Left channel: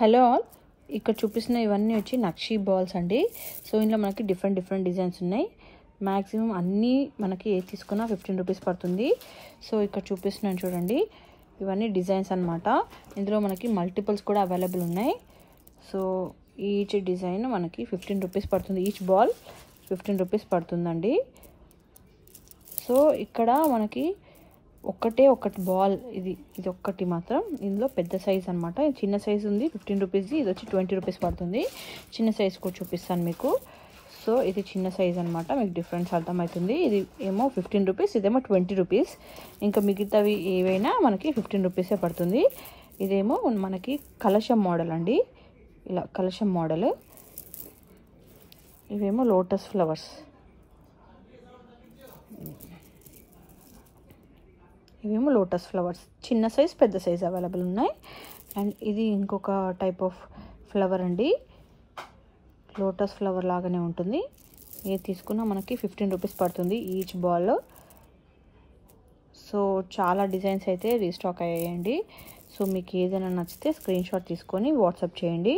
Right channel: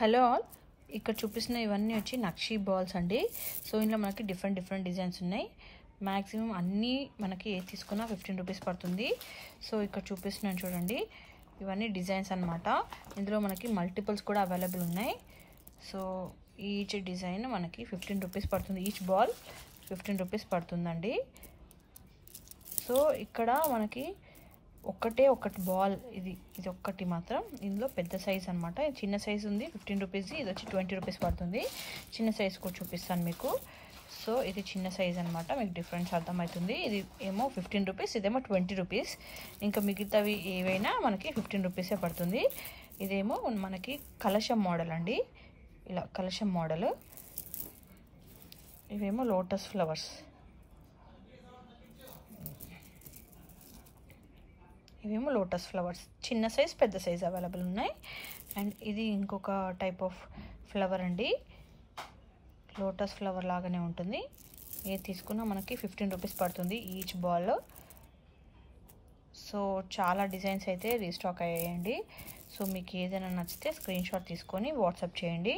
Hello all, ఇక్కడ చూపిస్తున్న ఇవన్నీ వచ్చి నక్షీ బాల్స్ అండి. సో ఇందులో మనకి డిఫరెంట్ డిజైన్స్ ఉన్నాయి. మ్యాక్సిమం అన్నీ మనకి ఏది తీసుకున్నా 15 రూపీస్ పడుతుంది. సో ఇక్కడ చూపిస్తున్నాను చూడండి, ఇవన్నీ డిజైన్స్ అన్నమాట. ఇందులో మనకి మల్టిపుల్స్ కూడా అవైలబుల్ ఉన్నాయి. సో ఈచ్ డిజైన్ మనకి 15 రూపీస్ పడుతుంది. ఈచ్ బాల్ 15 రూపీస్ పడుతుందండి. సో ఇక్కడ మనకి ఒకటి బాల్, ఇది ఒక్కటి మాత్రం. ఇందులో పెద్ద సైజ్ అనమాట. చిన్న సైజ్ ఉంది 15 రూపీస్ది, ఇది వచ్చి 20 రూపీస్ పడుతుంది. చిన్న సైజ్ కూడా చూపిస్తాను మీకు. సో ఇది చిన్న సైజ్ అనమాట, మీకు డిఫరెన్స్ అర్థమవుతుంది. ఇది ఏమో 15 రూపీస్, ఇదేమో 20 రూపీస్. ఇంకా మిగతావి ఏవైనా మనకి 15 రూపీసే పడుతుంది. ఇదేమో మనకి కలశం మోడల్ అండి, ఇలా కలశం మోడల్. ఇవేమో లోటస్ ఫ్లవర్స్, ఇవేమో లోటస్ ఫ్లవర్స్. చిన్న సైజ్ పెద్ద సైజ్ అవైలబుల్ ఉన్నాయి. అండ్ ఇది ఇంకొక టైప్ ఆఫ్ ఫ్లవర్ అండి, లోటస్ ఫ్లవర్ లాగానే ఉంటుంది. ఏది తీసుకున్నా మనకి 15 రూపీస్ పడుతుంది ఈచ్ బాల్. సో చాలా డిజైన్స్ అయితే రీస్టాక్ అయ్యాయండి. సో మీకు ఏదైనా నచ్చితే స్క్రీన్ షాట్ తీసుకొని వాట్సాప్ చేయండి.